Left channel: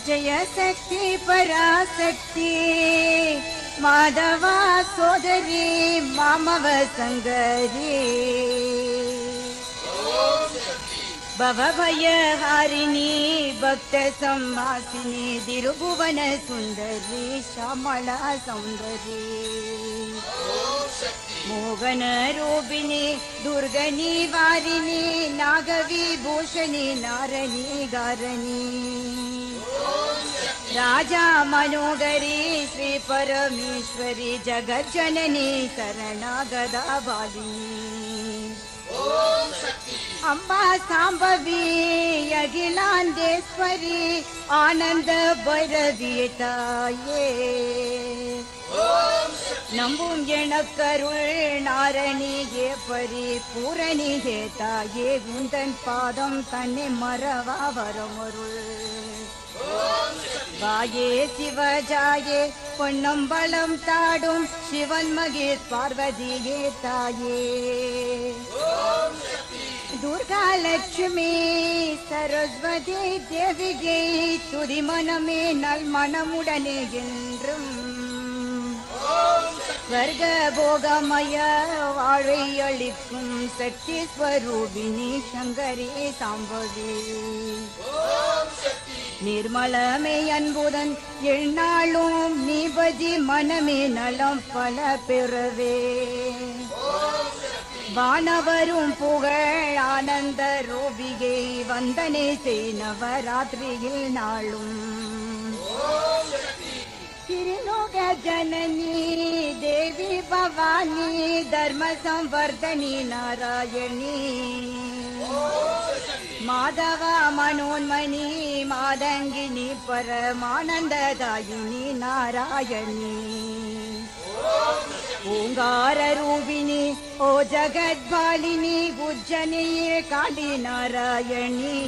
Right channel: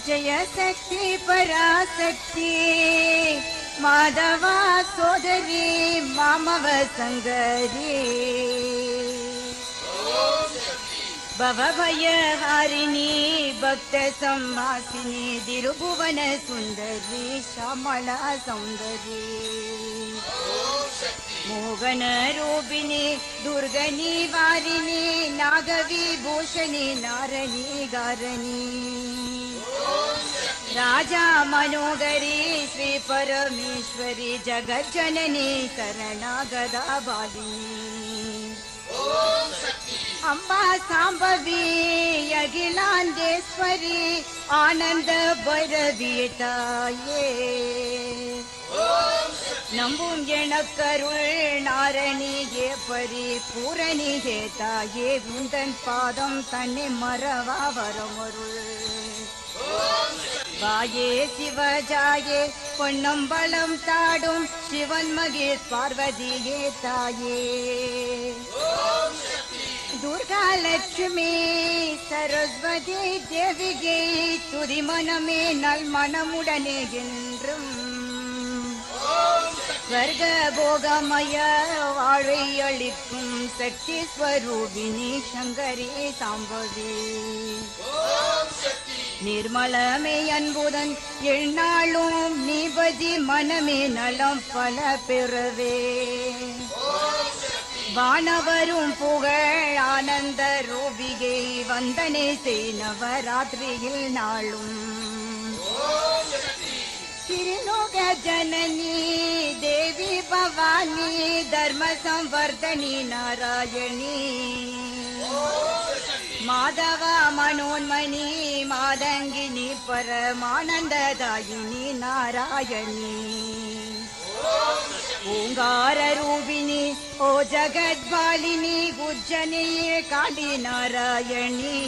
ಜಯ ಶಕ್ತಿ ಪರಾಶಕ್ತಿ ಮಾಧವ ಸೋದರಿ ಮಾಮವ ಸಂಗರಿ ಭವಭಯ ಹಾರಿಣಿ ಭಕ್ತ ಸಂಹಾಸಿನಿ ದಿರುಭುವನ ಸುಂದರಿ ಶ್ಯಾಮಳ ಸೌಂದರಿ ಮೋಗನ ರೂಪಿಣಿ ದುರ್ಗನಿ ವಾರಿಣಿ ನಾಗವಿಭೂಷಣಿ ನಾರಣಿ ಗಾರಣಿ ರಾಜಾ ಮನೋಗರಿ ಶ್ರೀ ಪರಮೇಶ್ವರಿ ಜಗಜ್ಜನನಿ ಶರಣಾಗದ ಬಾಲಿನಿ ಅಮ್ಮ ಸಾಂಬವಿ ಅಖಿಲಾಂಡೇಶ್ವರಿ ಆನಂದ ಭೈರವಿ ತಾಯೇ நம்பும் எனக்கருள் நாரணியே பரிபூரணியே தாயே உந்தன் பாதம் தன்னை மறவா வரமரு வாயே சிவஜாயே பொன்னம்பலம் தாடும் சிவன் மகேஷ் பார்வதியே தாயே துர்கா லட்சுமி சரஸ்வதி தேவிகை துதி மனமே நல் மனமுடனே என்றும் ஸ்வர்க போகமய வாழை அளிக்கும் சக்தி ஸ்வரூபிணி சங்கரே சாம்பவி நிர்மலமே அன்புடன் எந்நாளும் நீபதி மனமே நலம் பல பெறவே வானவரும் புகழ் ஆனந்த ரூபிகை வந்தனை செய் நவராத்திரியில் நாளும் श्रीलोक जननी देवी भवानी धर्म संवर्धनी नारायणी माधव मनोन्मणि मादंगिनी परमानंददायिनी नारायणी ओंकार रूपिणी ओ जगद्बालिनी उज्जनी काली नारायणी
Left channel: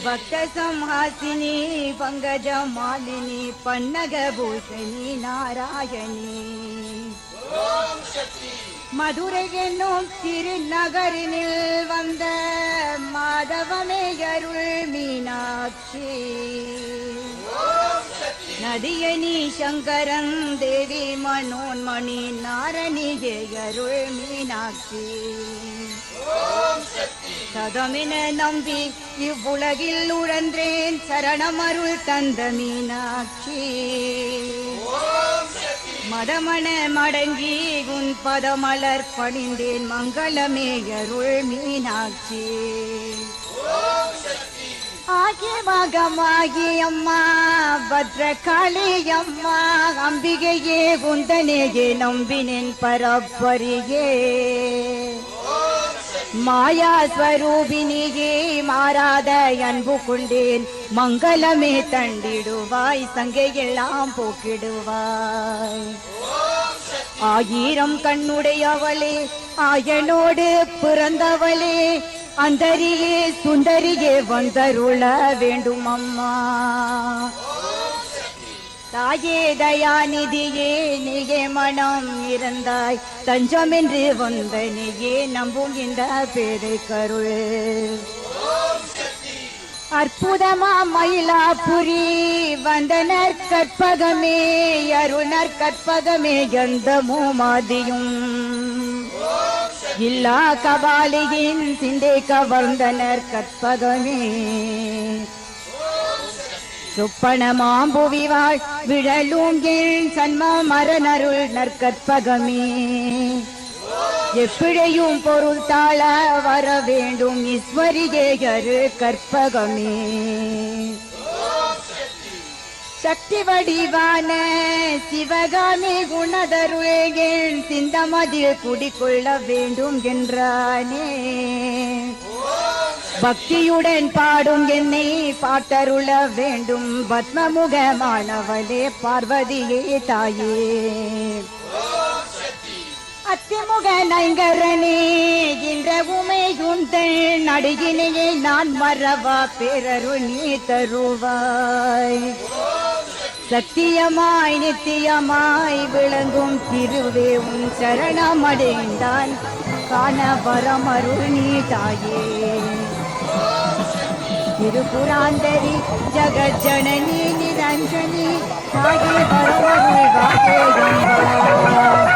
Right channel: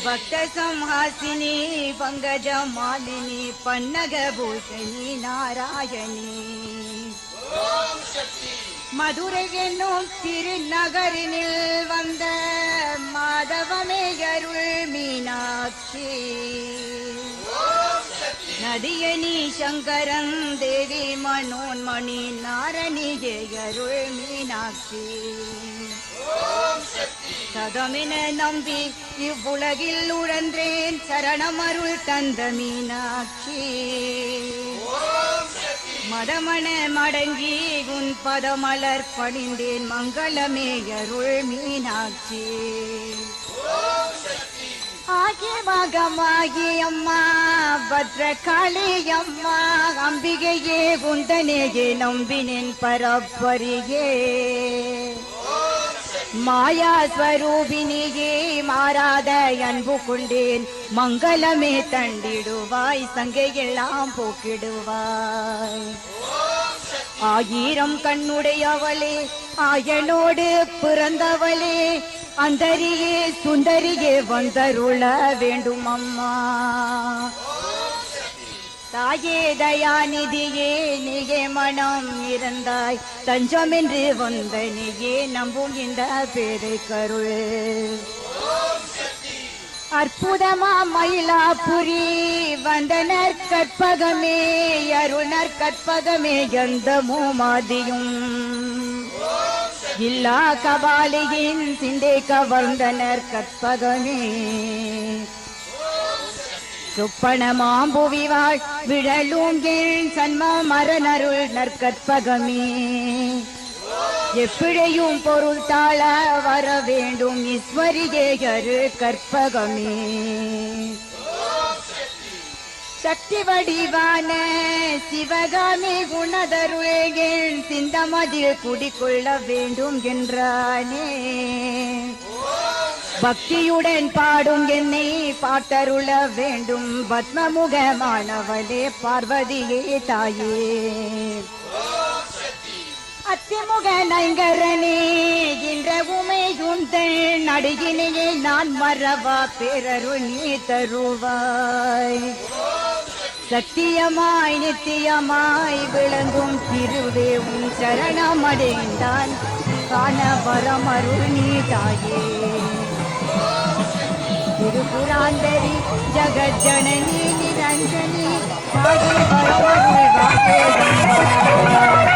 भक्त संहासिनी पंकज मालिनी पन्नग भूषणी नारायणी मधुரை என்னும் திருநகரினில் வந்த மாதவமே அருள் மீனாட்சி நதியனி சங்கரன் தேவி மனோன்மணி நாரணியே அருள் மீனாட்சி சதமென நம்பி இவ்வுலகில் உழன்றேன் சரணமருள் தந்த மீனாட்சி மதமன மடங்கி உன் பதமலர் பணிந்தேன் மங்களமே அருள் மீனாட்சி ஆகிய மகமாகி அம்மா பத்ரகாளி அம்மா அம்பிகையே குந்தனேயே நம்பினேன் பரப்பரியே மாயா ஸ்வரூபினியே மாறாத அன்பு கொண்டேன் மங்களமே தண்டிடுவாய் சங்கையெல்லாம் போக்கிடுவாய் ஆயிரம் கண்ணுடையவளே ஆயனோடு பிறந்தவளே அந்தரியே சுந்தரியே வந்தருள வேண்டும் அம்மா தாயே தயாநிதியே நீயே மனம் இருந்தாய் தஞ்சமென்று வந்த நீயே நம்பும் இந்த பேரை கருள் அற்புதமா மயிலாபுரி வந்தனர் கற்பகமே அருணர் கற்பகமே எந்தமோ மாதியும் இல்லா கபாலியின் சிந்தை கவர்ந்தனர் கற்பகமே சொப்பன மாம்புவிவாள் விழலூங்கில் சன்ம மரனருள் நற்கற்பகமே எப்பிழையும் பொருள் தாழ வர வேண்டும் ஈஸ்வரியே அருள் கற்பகமே சக்தி வடிவான சிவகாமி குணதருளேன் சிந்தமதில் குடிக்கொள்ள வேண்டும் என்றானே பக்தியுடன் பாடும் என்னை பாட்டருள வேண்டும் பத்மமுகமானவளே பார்வதியே தாயே அத்திமுக நைங்கரனே என்ற உமை உந்தள் நடுகினையே நான் மறவா பேரருள் நீ தருவாய் சத்தியமாய் நித்தியமாய் விளங்கும் திருவே உன் சரணமடைந்தான் காண வரமருள் நீ தாயே திருப்புராந்தரி ஜகஜனனி நிரஞ்சனி சாகி